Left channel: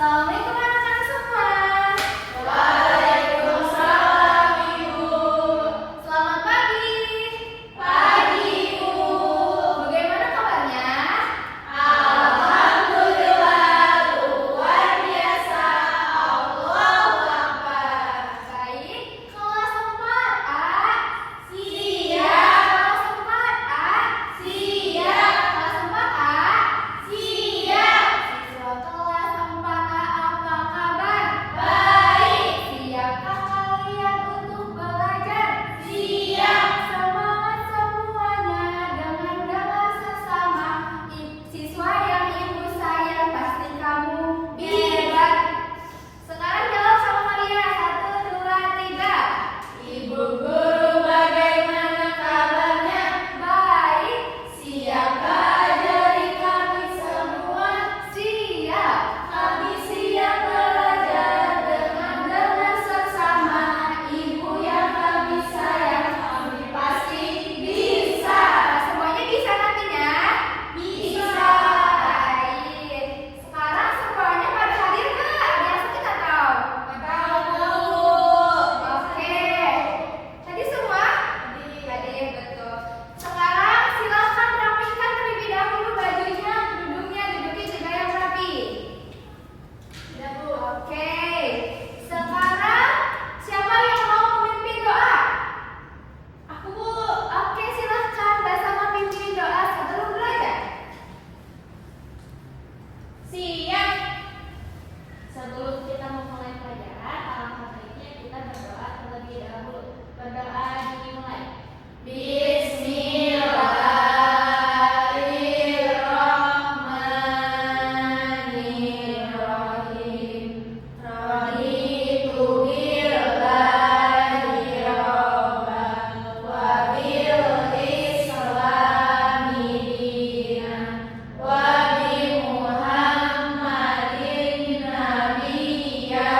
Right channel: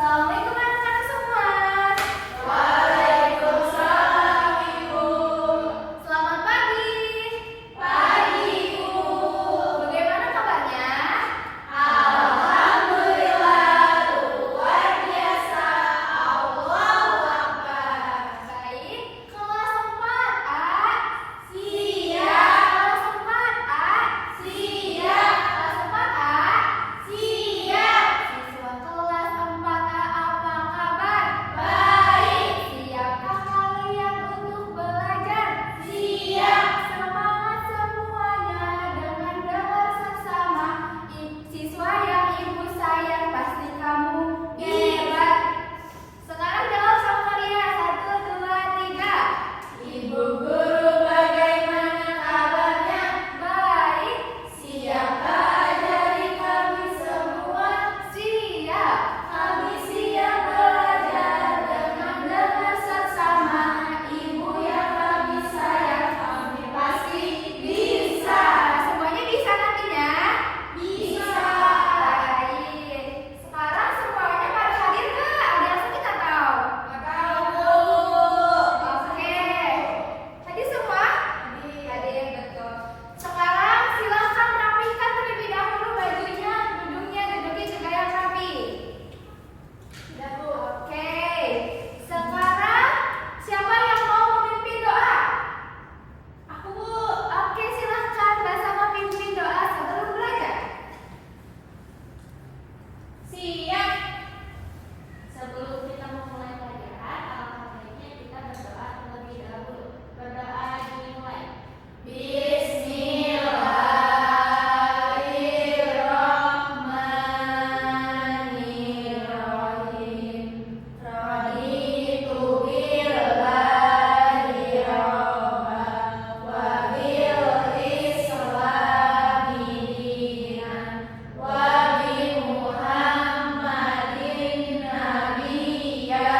Assalamualaikum anak-anak semua. Waalaikumsalam, Ibu. Selamat pagi. Pagi, Ibu. Bagaimana kabarnya? Alhamdulillah, luar biasa. Allahu Akbar. Baik, kelas 4A. Siap. Kelas 4A. Siap. Kelas 4A. Siap. Siswa kelas 4A apa kabar? Baik. Siapkah kalian untuk belajar? Siap. Semangat semuanya dengan bersama. Siswa yang ibu sayang, pasti kamu hebat. Sekarang jawab sama Maria. 1, 2, 3. Ibu guru, bagaimana kabarnya? Baik. Siapkah ajari kami semua? Siap. Kami siap belajar dengan seksama. Ibu yang kami sayang, kami pasti bisa. Semuanya bisa nantinya? Bisa. Baik. Sekarang semuanya pada hadir nggak? Ada yang sakit atau? Oke. Tadi semua? Hadir, betul. Sekarang silahkan rapikan terlebih dahulu bajunya, duduknya juga yang rapi. Oke. Sekarang siapa yang mau memimpin doa? Aku, Bu. Oke, silahkan bersama pimpin doa sebelum belajar. Siap. Sebelum kita memulai pelajaran, alangkah baiknya kita berdoa terlebih dahulu. Berdoa dimulai. Bismillahirrahmanirrahim. Raditu billahi robban wa bil islami dinan wa bi Muhammadin nabiyyan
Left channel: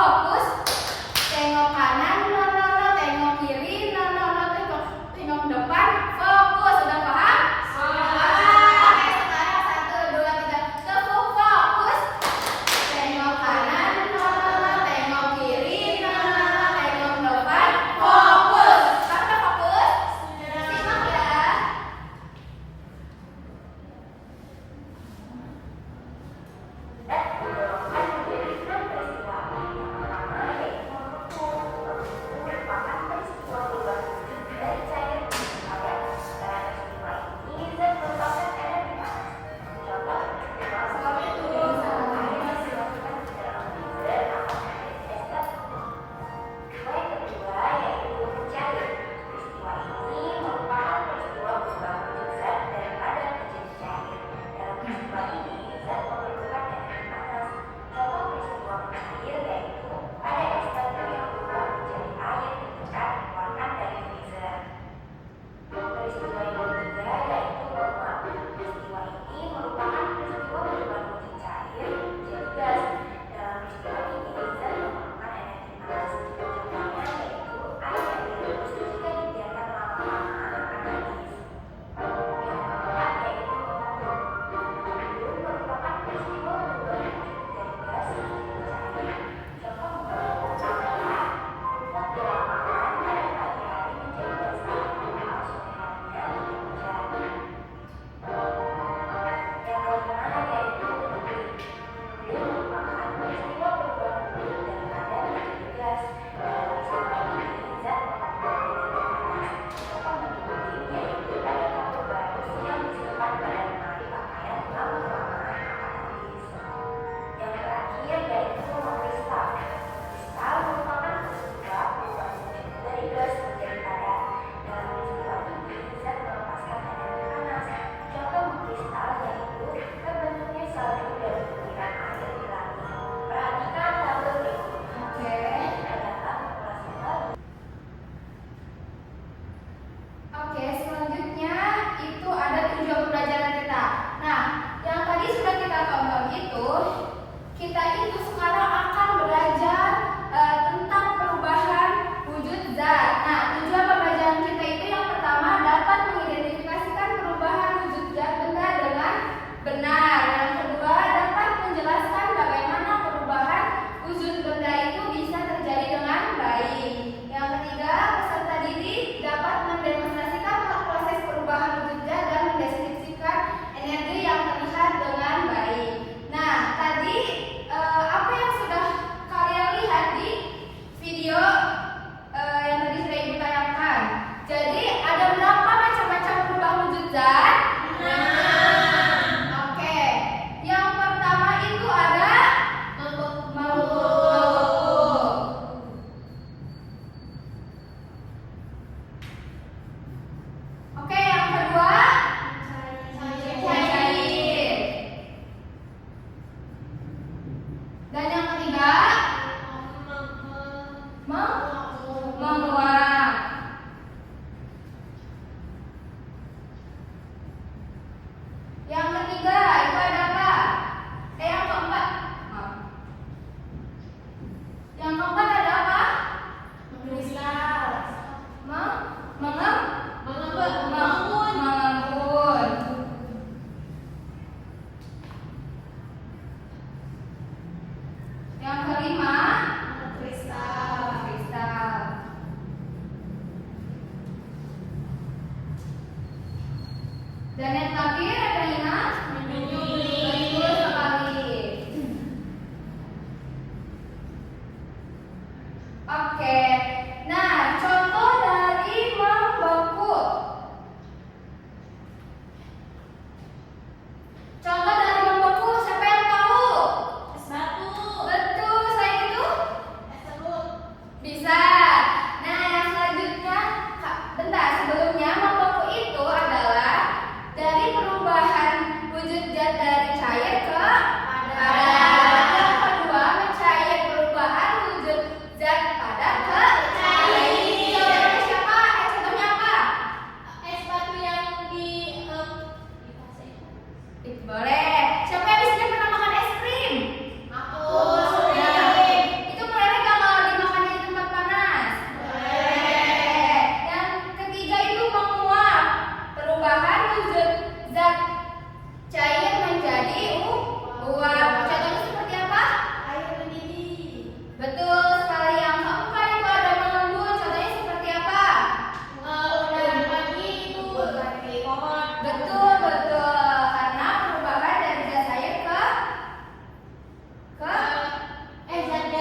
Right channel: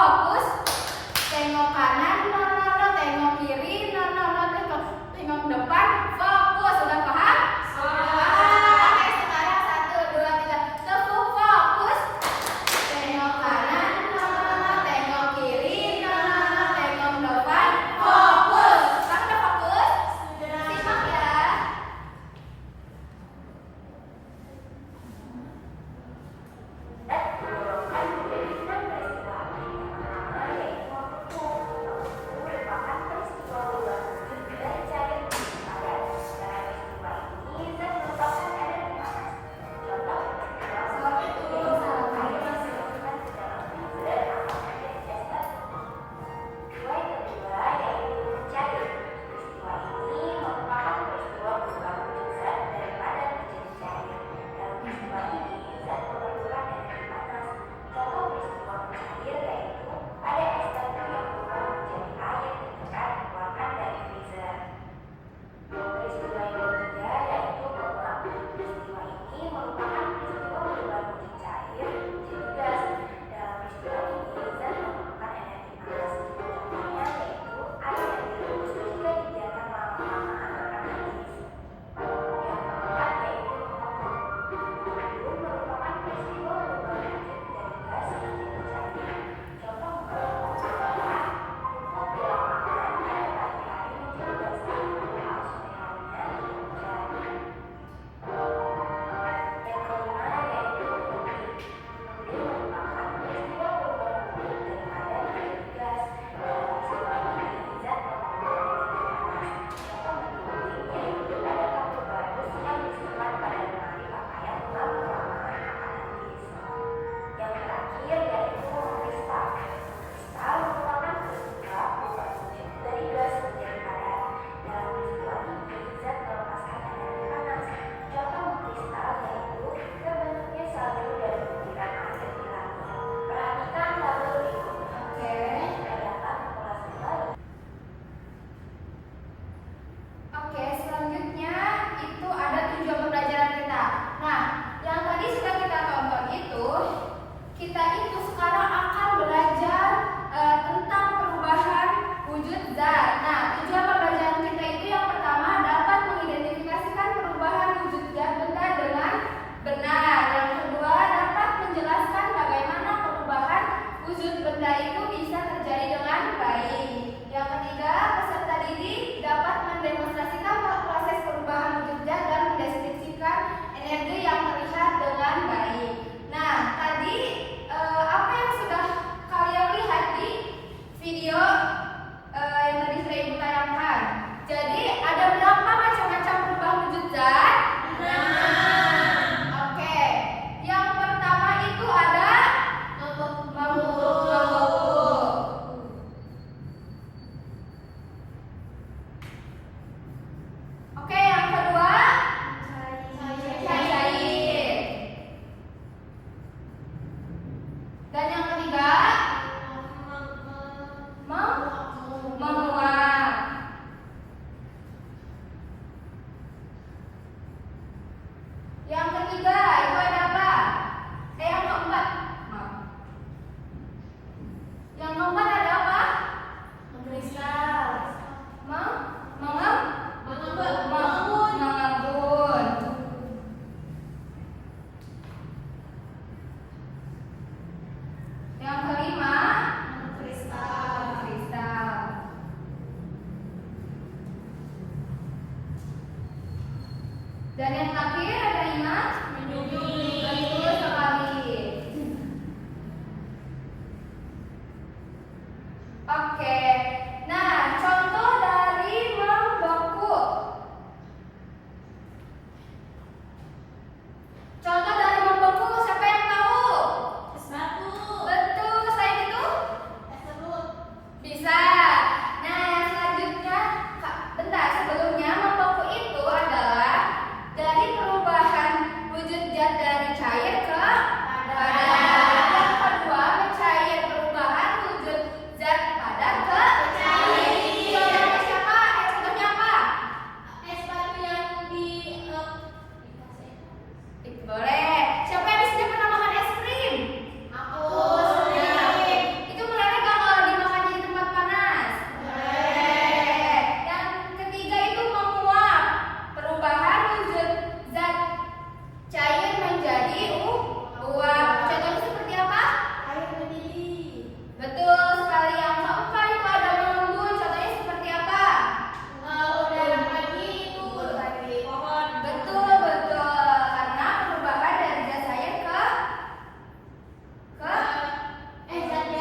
Fokus. Tengok kanan, no, no, no. Tengok kiri, no, no, no. Tengok depan. Fokus. Sudah paham? Oke, sekarang 1, 2, 3. Tepuk fokus. Tengok kanan, no, no, no. Tengok kiri, no, no, no. Tengok depan. Fokus. Sekarang udah fokus? Simak ya.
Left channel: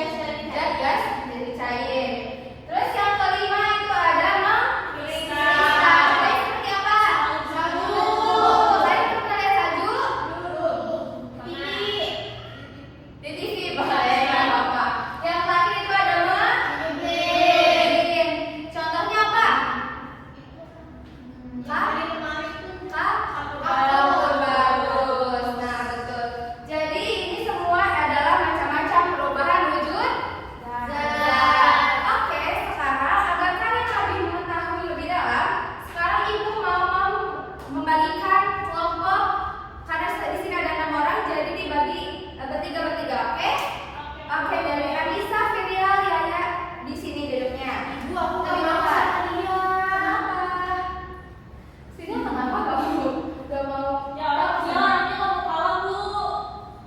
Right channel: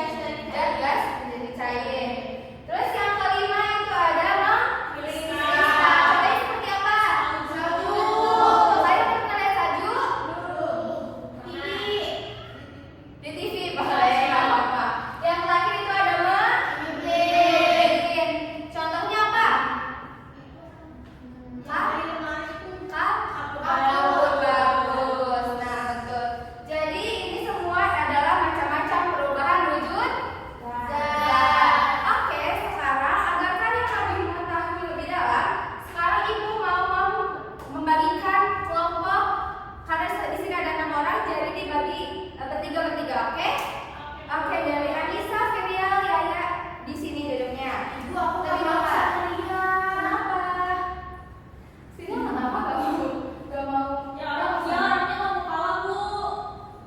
jadi gas menjadi cair. Terus yang kelima itu ada mengkristal. Contohnya seperti apa? Salju. Kalian pernah lihat salju? Di TV boleh, nggak apa-apa. Yang terakhir itu ada menggiling. Contohnya apa? Bagus. Nah, betul. Jadi ini semua adalah macam-macam perubahan wujud zat. Oke, sekarang agar kalian lebih mengetahui lebih dalam, sekarang ibu mau membagikan kelompok karena di sini ada 6 orang, jadi dibagi bertiga. Oke? Oke, dari Anissa, Ferial, Yaya di sini duduknya. Ibu, aku Tapi nggak mau kenapa? sama dia. Kenapa? Sini kenapa gak mau? Gak mau? Ya, dia orangnya nggak mau kalah, Bu.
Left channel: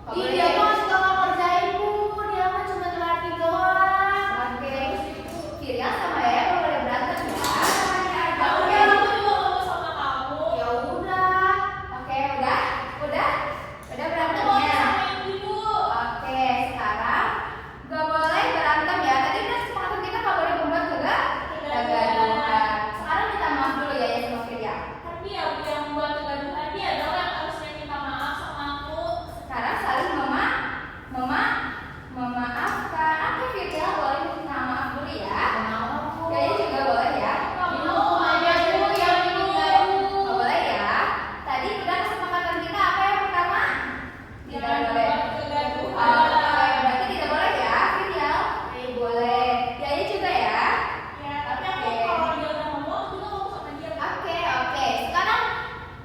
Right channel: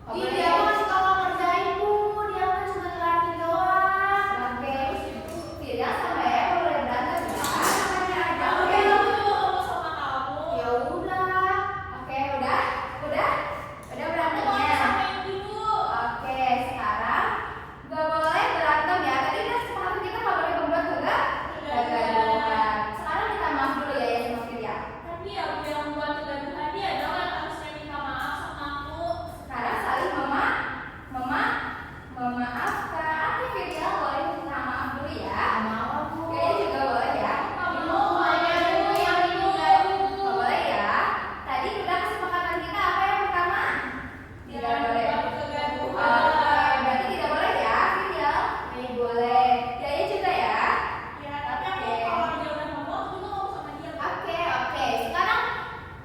Gak Ih, boleh. dia tuh masih kakak kerjain, Bu. Dia kan cuma terapi doang. Oke, Firial sama Yaya gak boleh berantem ya. Namanya aja. Oke. Aku juga ngomong sama kamu. Ya udah. Oke, udah Aku mau berantemnya. sama Ibu. Oke, sekarang gak boleh berantem ya. Tadi udah sepakat kita gak boleh membuat kegaduhan. Sekarang minta maaf dulu ya sama Firial. Kan dia yang membuat kegaduhan, dia dong yang harusnya minta maaf sama aku. Sekarang saling memaafkan. Oke, Firial boleh minta maaf dulu ya. Mau, Bu. Yaya juga boleh ya. Ibu aja dulu yang ini. Nggak boleh ya. Tadi udah kesepakatan kita apa yang pertama? Tidak boleh. Oke, berarti tidak boleh ya, Firial. Boleh. Yaya juga ya. Ya, tapi aku kalau dia udah ngomong, aku juga ngomong sama dia. Oke. Sekarang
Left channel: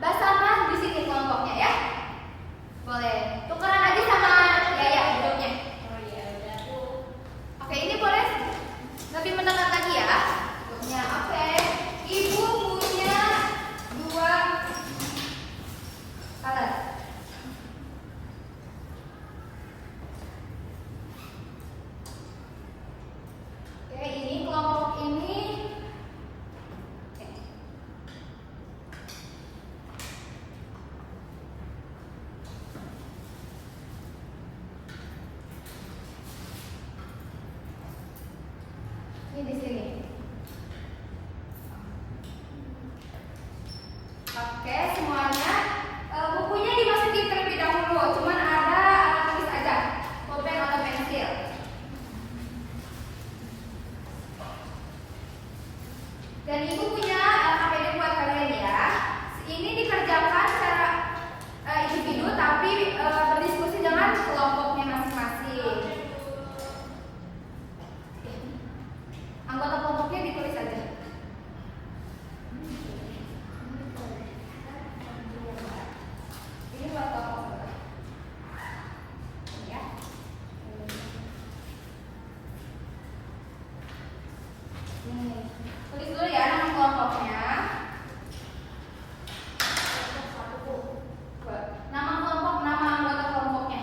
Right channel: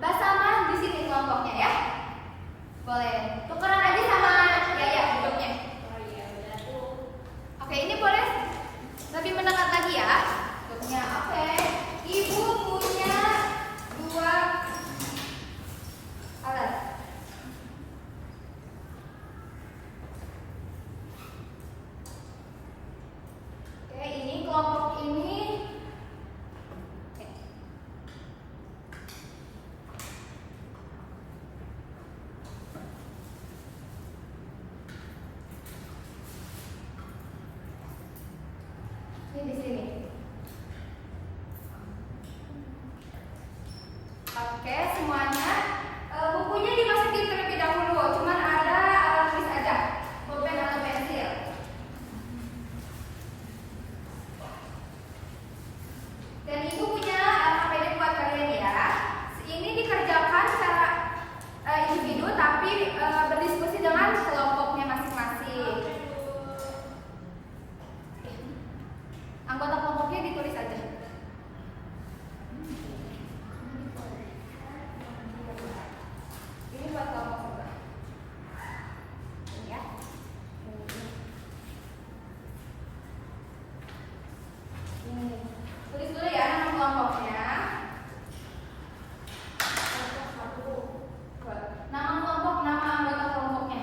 Basama di sini kelompoknya ya. Boleh. Tukeran aja sama Yaya hidupnya. Oh iya, udah tuh. Oke, ini boleh lebih mendekat lagi ya. Hidupnya. Oke. Ibu punya 2 alat. Oke, ini kelompok ini. Ini di sini. Oke, semuanya bukunya dimasukin terlebih dahulu. Cuman ada alat tulis aja, pulpen atau pensil. Dan ibu punya APD buat kalian ya. Ini dikerjakan secara individu tapi berdiskusi dengan kelompoknya masing-masing. Anggota kelompoknya ditulis aja. Ini buat kelompok sebelah. Ini ya. Tulis dulu ya nama kelompoknya. Nama kelompok, nama anggota kelompoknya.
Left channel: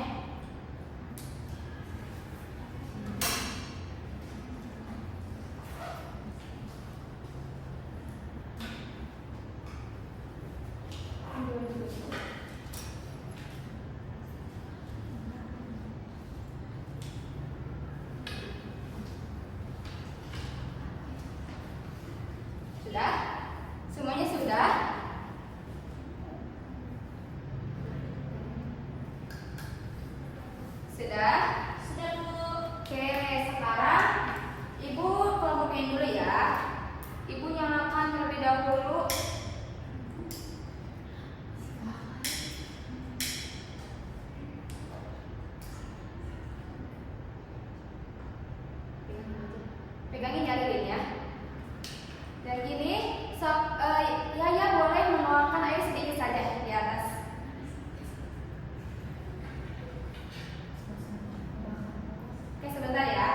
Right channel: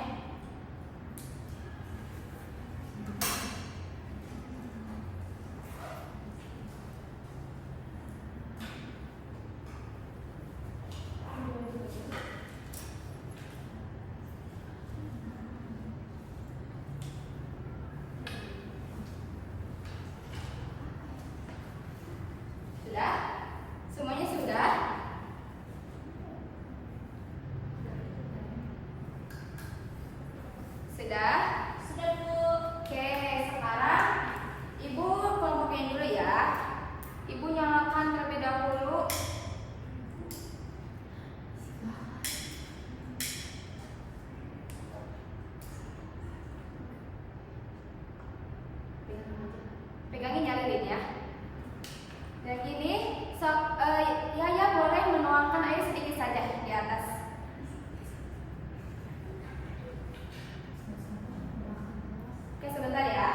Sudah? Semuanya sudah? Sudah? Sudah, Bu. Oke, sekarang ibu kelompokin dulu ya. Ibu nyalakan terlebih dahulu. Pegangin nyalirin ya. Dan gini, Yaya boleh menuangkan air sedikit saja di atas. Oke, sebentar ya.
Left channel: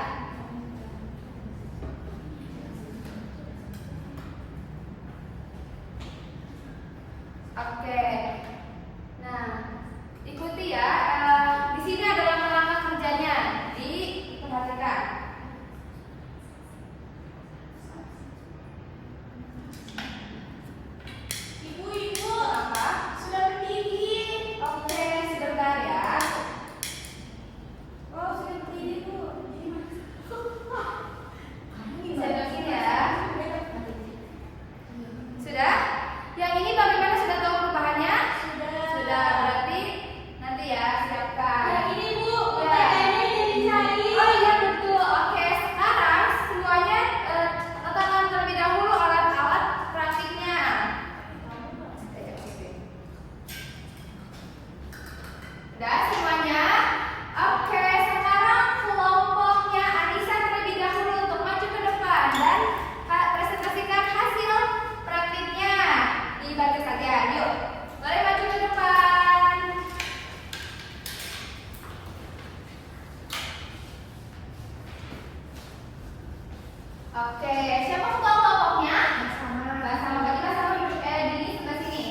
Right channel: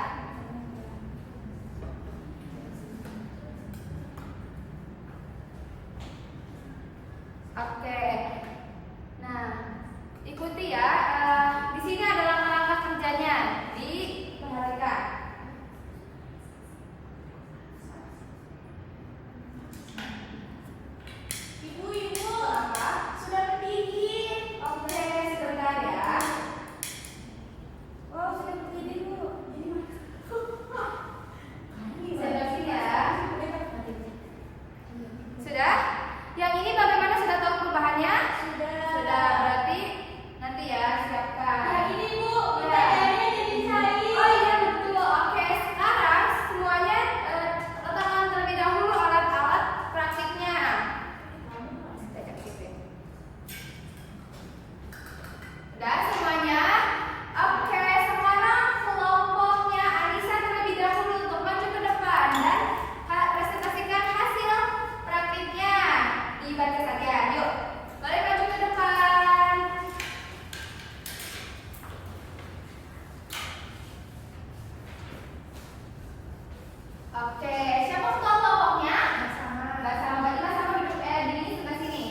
Oke, siapa ketua kelompoknya? Bersama. Berarti bersama duduk di sebelah sini.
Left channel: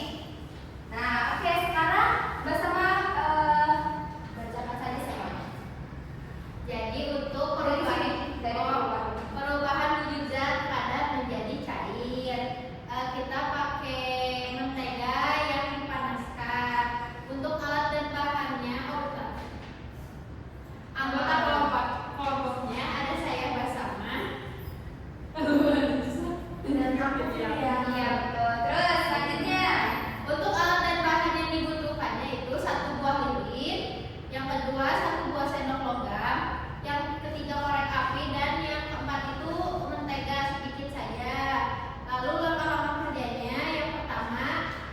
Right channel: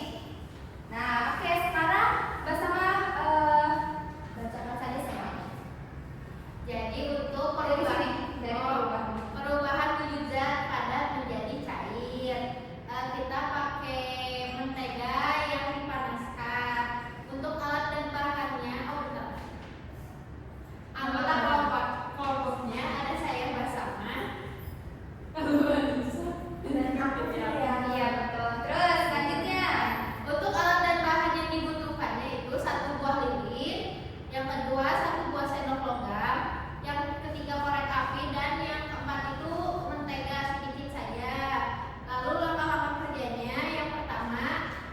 Nah, oke, sekarang bersama bacakan saja semuanya. Jadi untuk perubahan wujud zat padat menjadi cair, kita pakai mentega yang dipanaskan. Untuk alat dan bahannya, anggota kelompoknya ada saya bersama. Dan aku Iya betul. Terus selanjutnya untuk alat dan bahan yang dibutuhkannya itu 1 buah lilin, yang kedua 1 buah sendok logam, yang ketiga korek api, dan yang keempat itu mentega sedikit saja. Lalu langkah-langkah kerjanya, yang pertama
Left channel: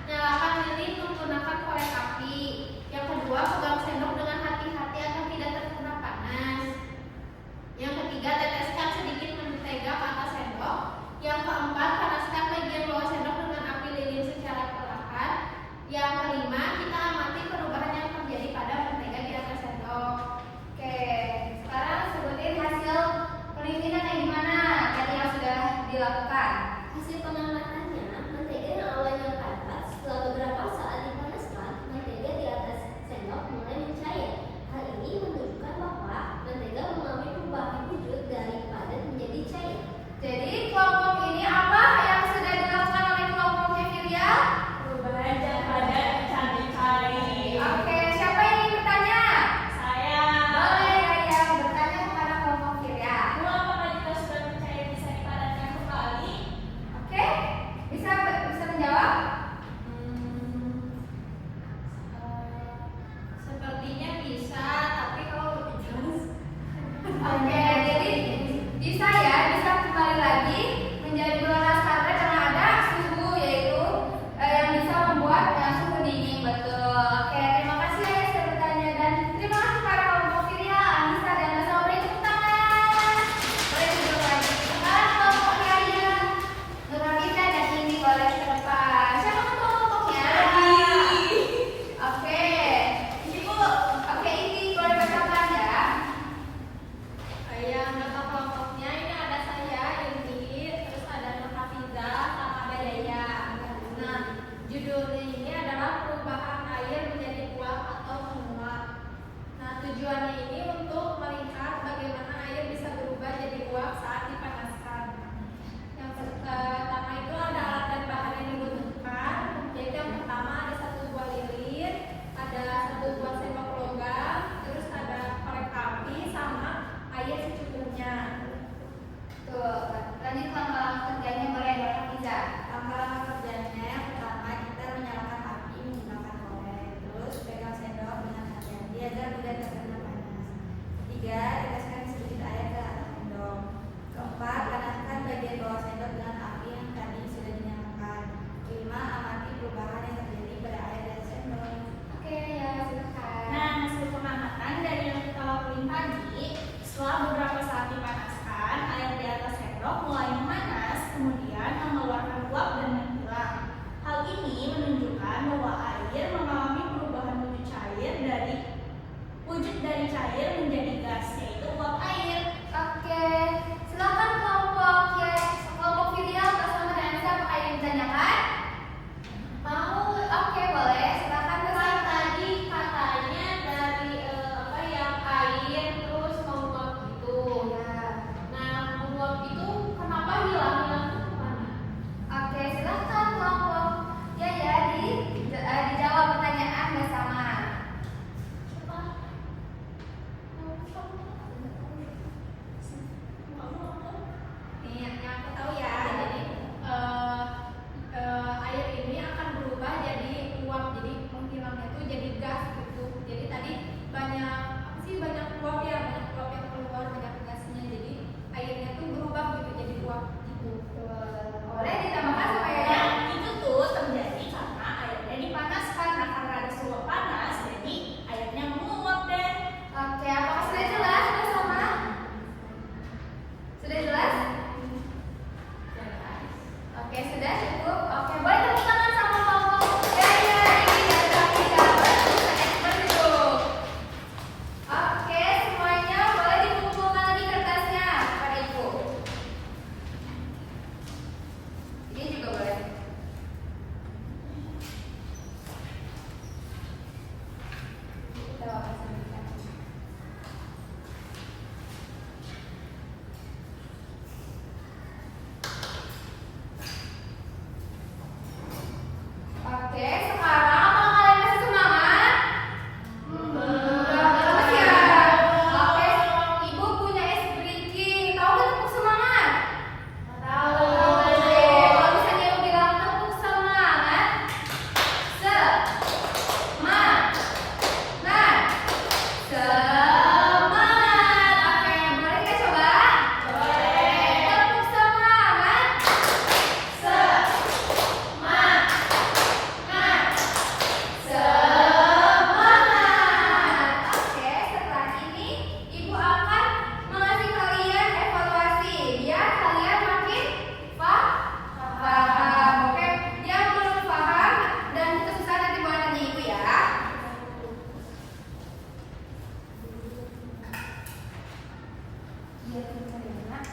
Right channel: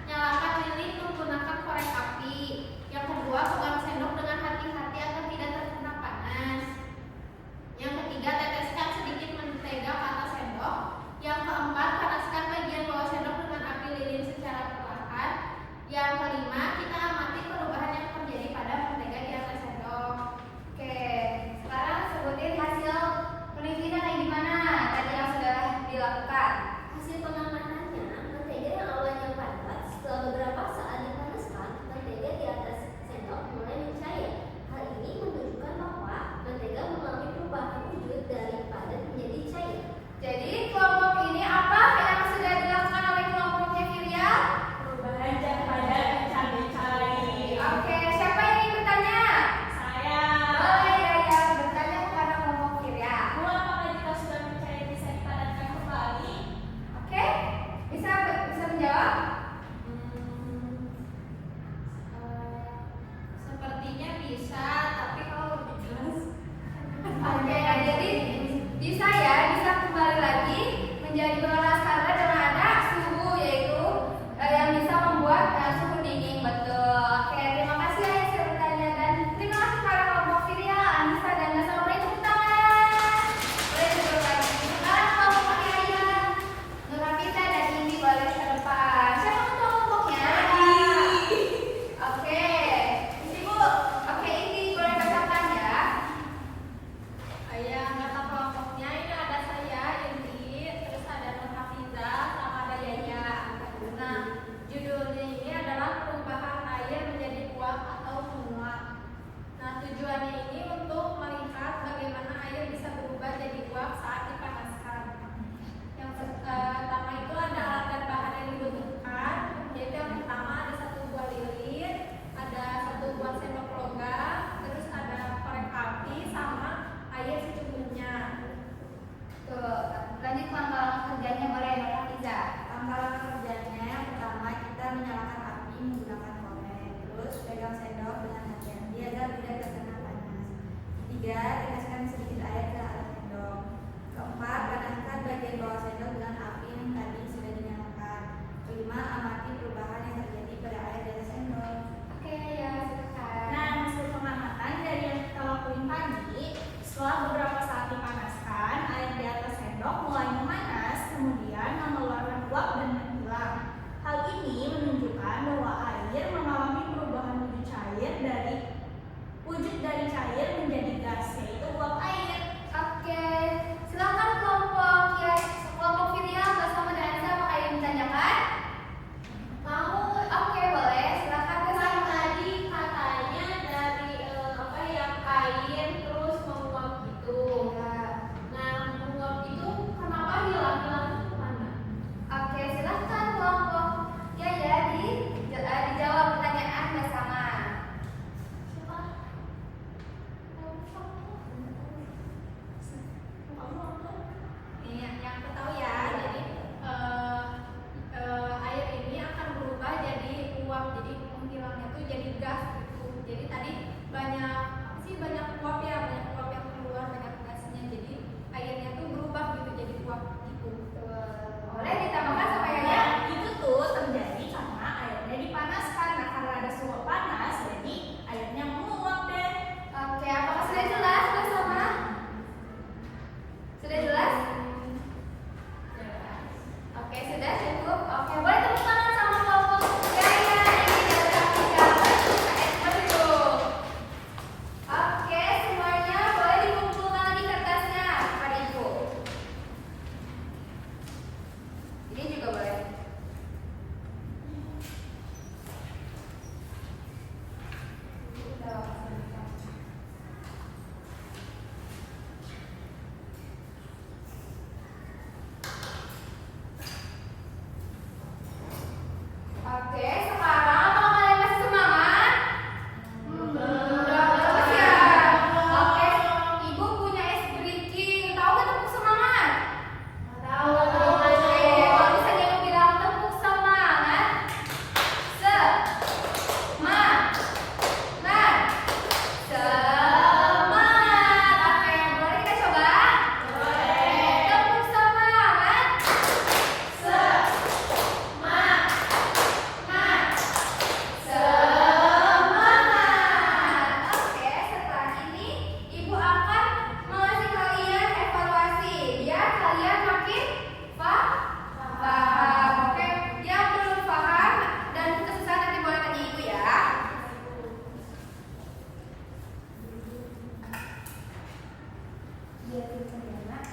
nyalakan lilin menggunakan korek api, yang kedua pegang sendok dengan hati-hati agar tidak terkena panas, yang ketiga teteskan sedikit mentega ke atas sendok, yang keempat panaskan bagian bawah sendok dengan api lilin secara perlahan, yang kelima kita amati perubahan yang terjadi pada mentega di atas sendok. Oke, sekarang sebutin hasil penelitian yang gimana tadi yang sudah dilakukan. Hasil pengamatannya, mentega yang awalnya padat setelah beberapa saat dipanaskan, mentega di atas sendok mulai mencair. Hal ini menunjukkan bahwa mentega mengalami perubahan wujud dari padat menjadi cair. Jadi kelompok ini apa yang sudah dilakukan oleh kelompoknya Firial? perubahan zat padat menjadi cair. Oke, siapa yang ingin bertanya? Saya. Boleh Raya bertanya kepada kelompok Firial. Bu, apakah jika sudah mencair bisa dipadatkan kembali? Oke, bisa menjawab? Sepertinya bisa, tapi kalau lebih jelas. Oke, jadi bisa ya, bisa kembali lagi menjadi panas karena ada suhu, yaitu yang bisa membuat suhu dingin. Betul. Oke, terima kasih ya yang sudah bertanya, dan terima kasih para kelompok Firial, Anissa dan Mas Amri. Tepuk tangan. Boleh duduk lagi. Sekarang kelompok Yaya, Nurhafida dan Indi boleh ke depan. Siapa ketua kelompoknya? Oke. Ibu. Oke, Indi boleh bacakan ya. Yang anggota kelompoknya ini ada saya, Indi, terus ada Nurhafiza, sama ada Yaya. Nah, judulnya ini adalah perubahan air menjadi uap atau menguap. Nah, tujuannya ini untuk melihat bagaimana air bisa berubah jadi uap saat dipanaskan. Yang pertama itu ada alat dan bahan yang dibutuhkan, yaitu yang pertama ada 1 buah lilin, ada 1 buah sendok logam, terus ada korek api sama air secukupnya. dia tulisan ya nak.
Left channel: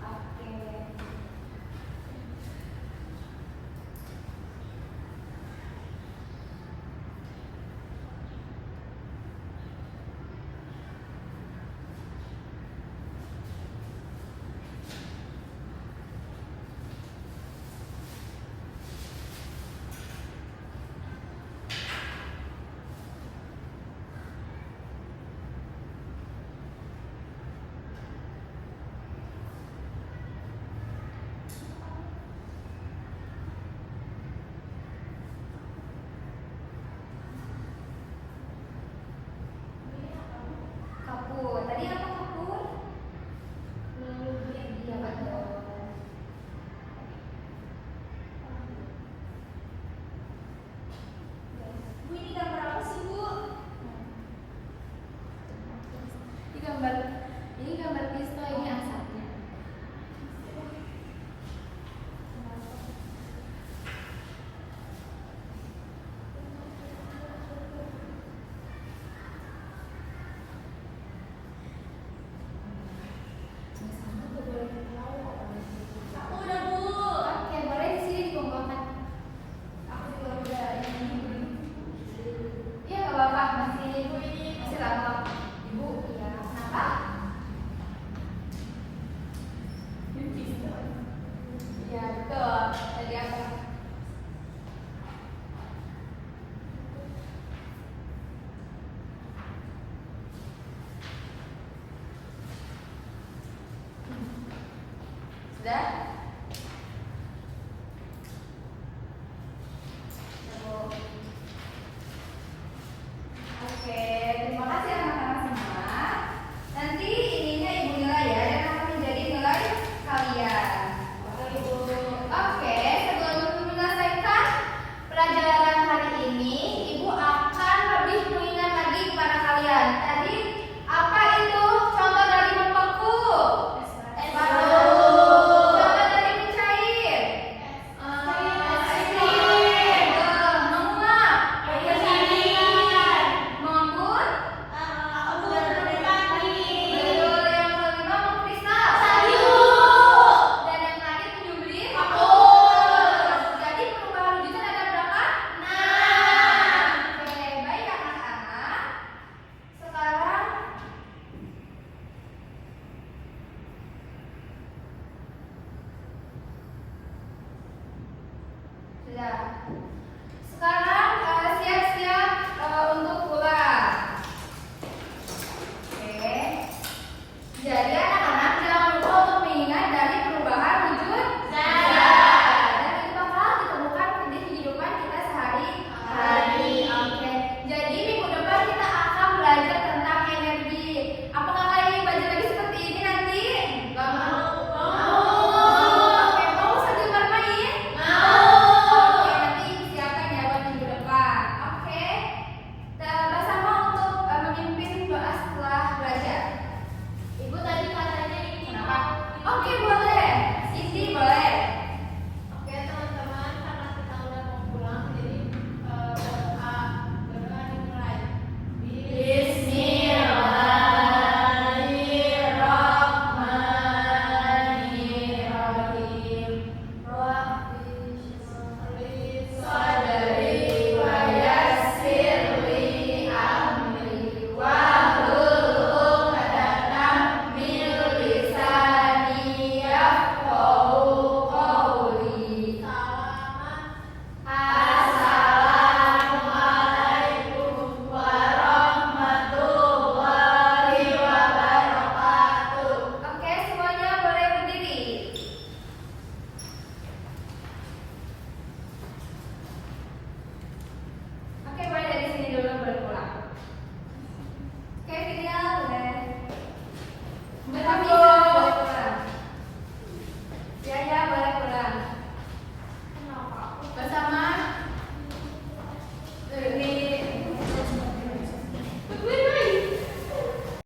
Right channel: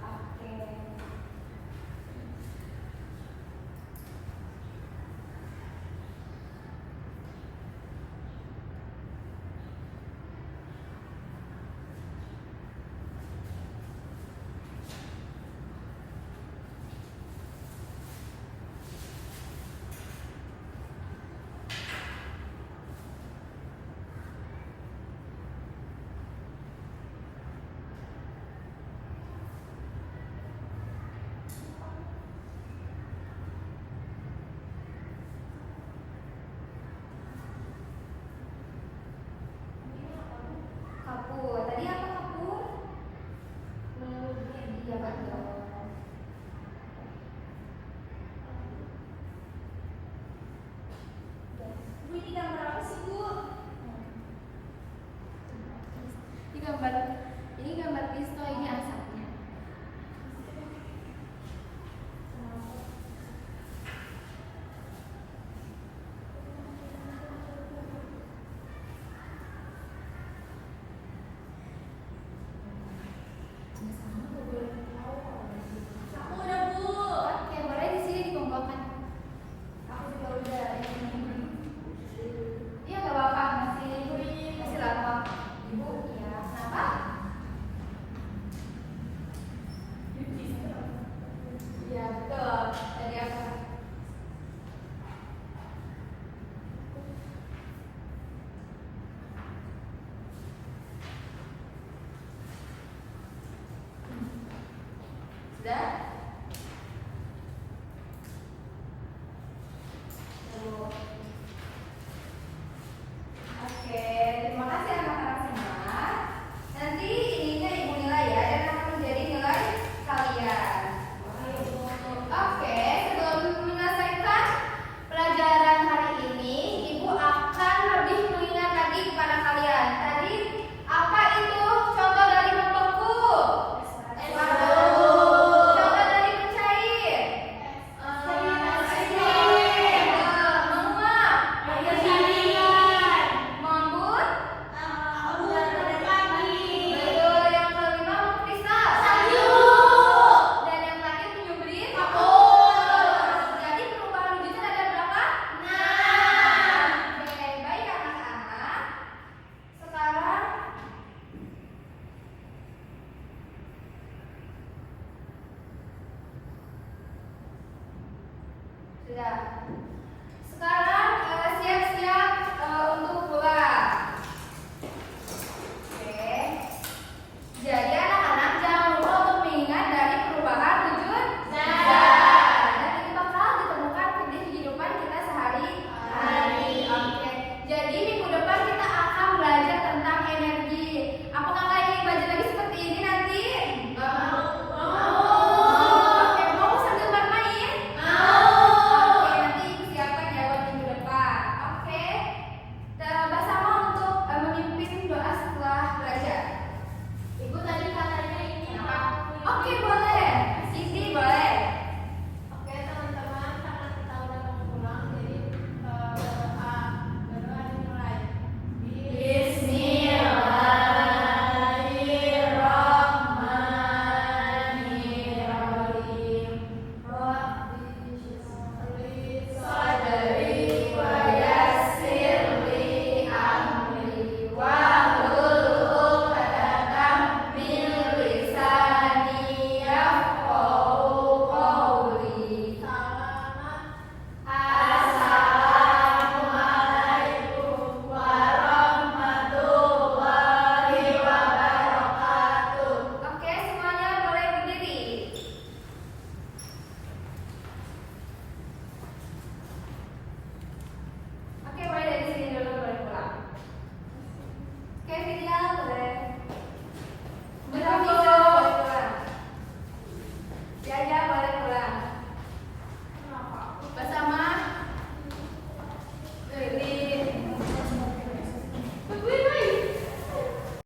Oke. Kapur. Tadi apa kapur? Iya betul. Bu, ini gambar apa sih, Bu? Ini gambar pistol, ini asapnya. Aku udah, Bu. Oke, boleh di sini dikumpulkan. Aku juga udah yang ini. Iya nggak apa-apa, masih lama. Ibu, iya. Kenapa? Iya betul. Tadi apa? Sudah?